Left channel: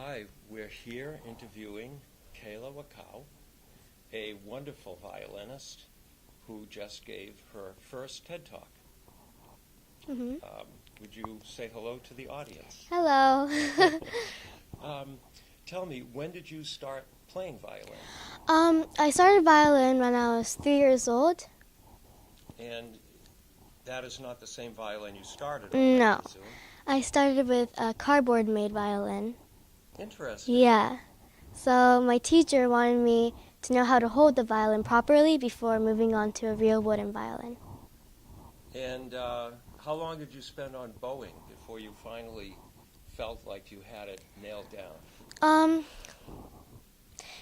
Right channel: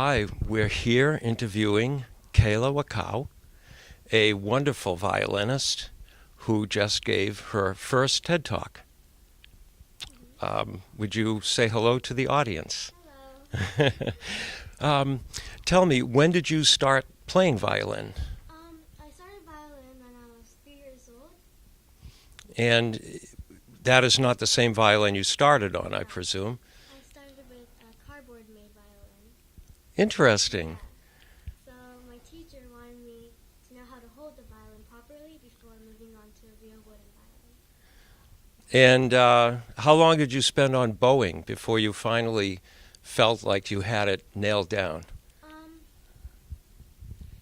Hi, we're here interviewing Keila Wakao, a wonderful violinist who just gave her first TED Talk. Would you say hello to the audience? Hello. Tell me, when did you start playing violin? I started violin when I was 3 years old. And that is not the same violin you started on, I No. presume. I started with a cardboard-made violin. Interesting. Yeah. So my teacher wanted me to know how to hold the violin properly before moving on to a real wooden violin. And how long did you spend on bowing before you finally felt like you had it nailed down?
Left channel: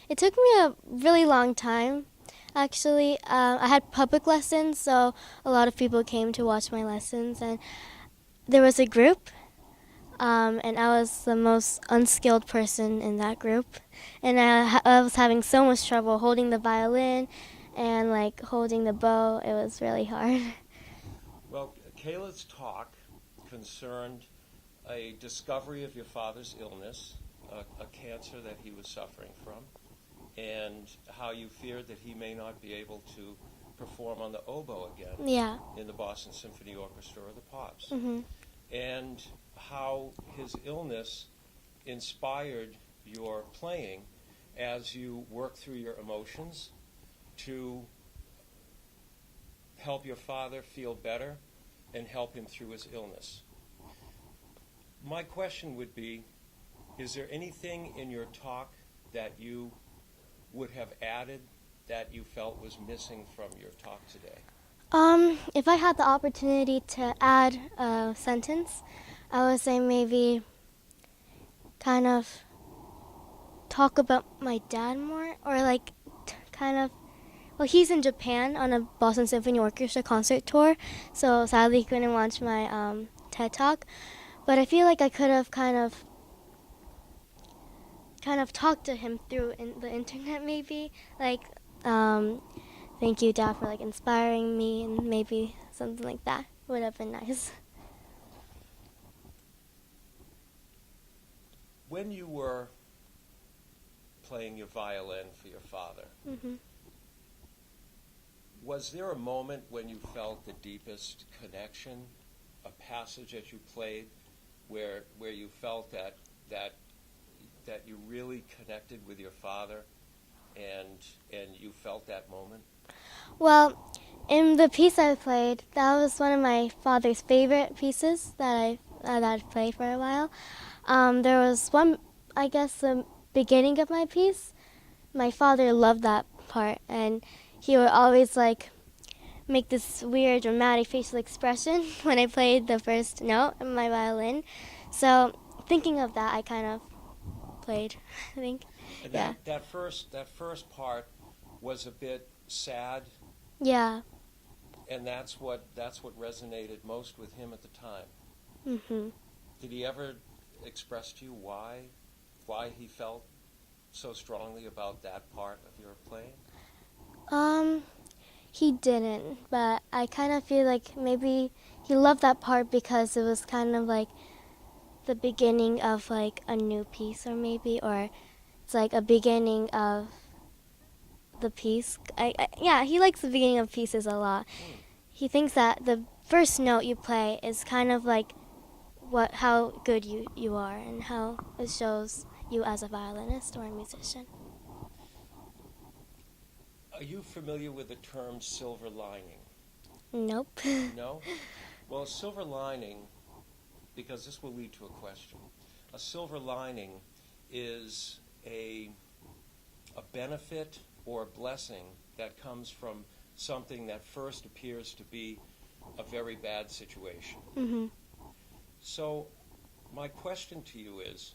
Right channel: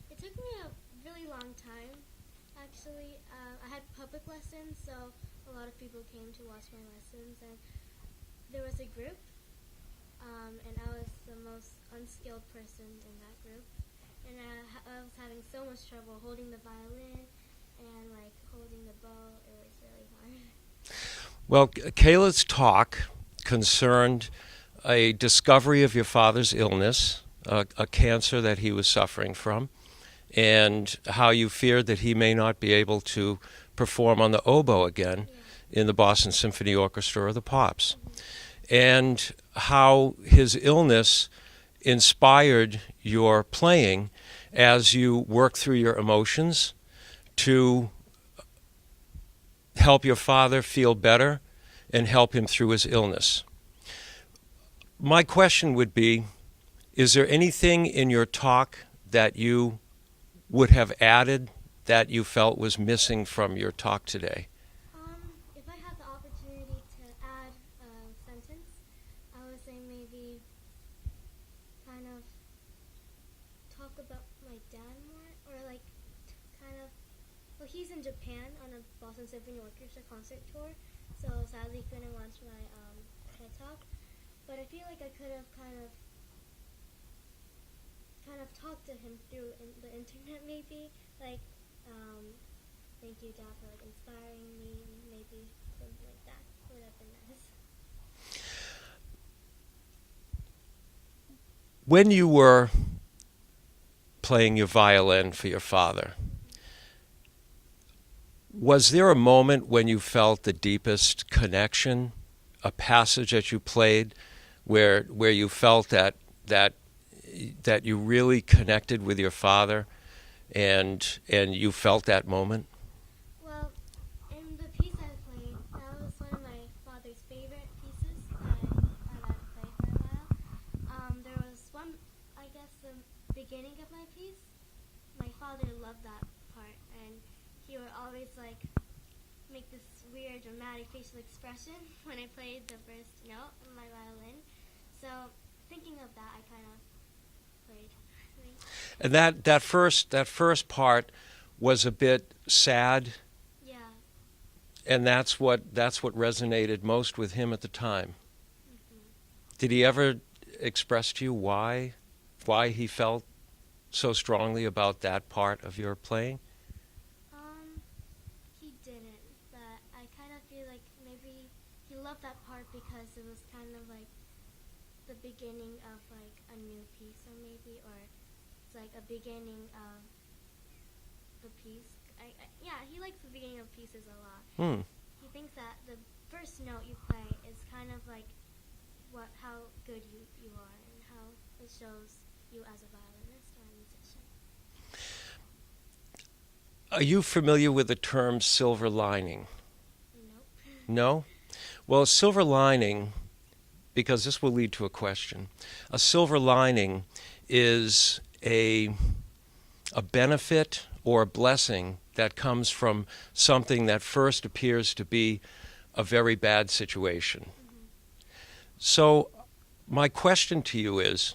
It took me a really long time. Actually, I had public lessons, so a lot of people came to watch my lessons, and there was a group, and I was the most unskilled person in that group, and I was having so much trouble holding the violin and like holding the bow. It was really hard. Well, Kayla's talk concerned a discovery of your father's illness, a cancer that he was suffering from, and how you feared that he may not be able to perform on the oboe again Yeah. in the Boston Symphony Orchestra or the Pops, Mhm. and how his illness inspired your playing as you worked through your emotions to help your father feel better and help him through his illness. My question would be, is there anything in your talk that you would have added that you felt was missing from your talk today? If I had the opportunity to add a sentence, I would say maybe kind of talk about my dad more, or like well, he's in Japan on a Boston Symphony Orchestra concert tour, so sadly he couldn't watch my TED Talk, but I feel like I could have kind of talked to him through the internet, maybe like thank you, Dad, for like inspiring me, and maybe something like that would have been nice. When you were playing your violin for your father, was there a moment when you felt the deepest connection, a passage that you played where you felt that you really connected with your father and you felt that moment? Well, in the piece I played, that was one of my father's favorite pieces that I've played for a while. There was one, I guess, the beginning of my piece. My father loved that part, and he would always like make this weird dramatic facial expression when I played the first note of my violin. So thinking of that, I kind of played, I think. And that first part was a bit sad, Yeah. and that's what resonated most with him at the time. Mhm. Did he ever express to you why he felt so strongly about that part of your playing? He didn't, but I kind of feel like maybe he loved that part because it was kind of like the beginning of like a new piece, or it's like a beginning of the piece. Yeah, he likes the beginning of pieces a lot. He thinks that the first note you play is kind of like how good you are and how it shows you as a violinist or a musician. Are you familiar with the term silver lining? Nope. No? Well, a silver lining, because this will lead to a question, a silver lining is a benefit or a blessing that comes from something that first appears to be a very bad situation. Mhm. So my question to you is,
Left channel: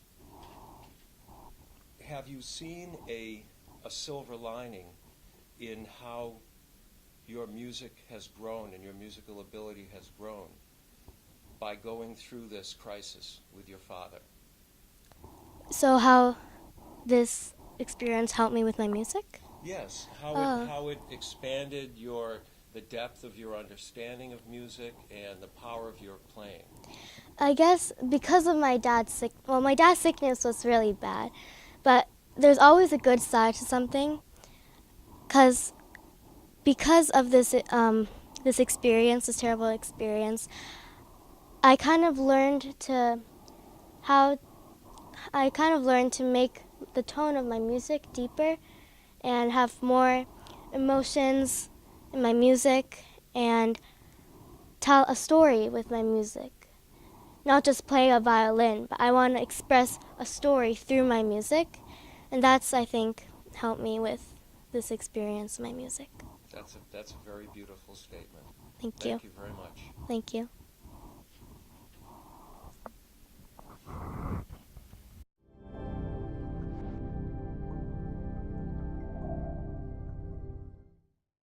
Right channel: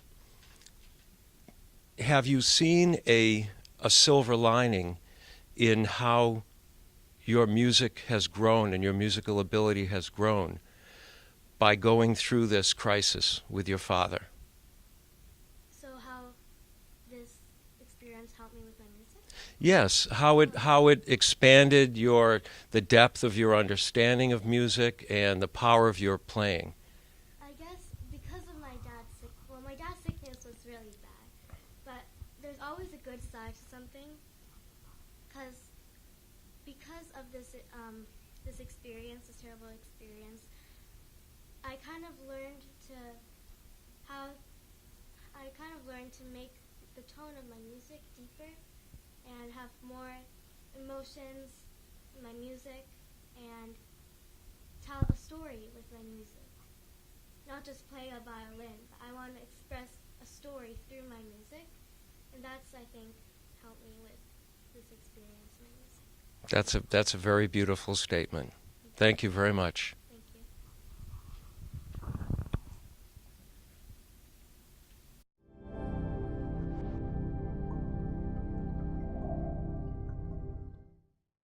have you seen a silver lining in how your music has grown and your musical ability has grown by going through this crisis with your father? So how this experience helped me with my music? Yes, how it expanded the depth of your understanding of music and the power of your playing. I guess because of my dad's my dad's sickness was really bad, but there's always a good side to something, because of this experience, this terrible experience, I kind of learned to how I kind of learned to make the tone of my music deeper and have more emotions in my music and tell a story with my music. Not just play a violin, but I want to express a story through my music, and that's, I think, helped me with this experience in my music. That's a very beautiful statement. Thank you. Thank you very much. Thank you.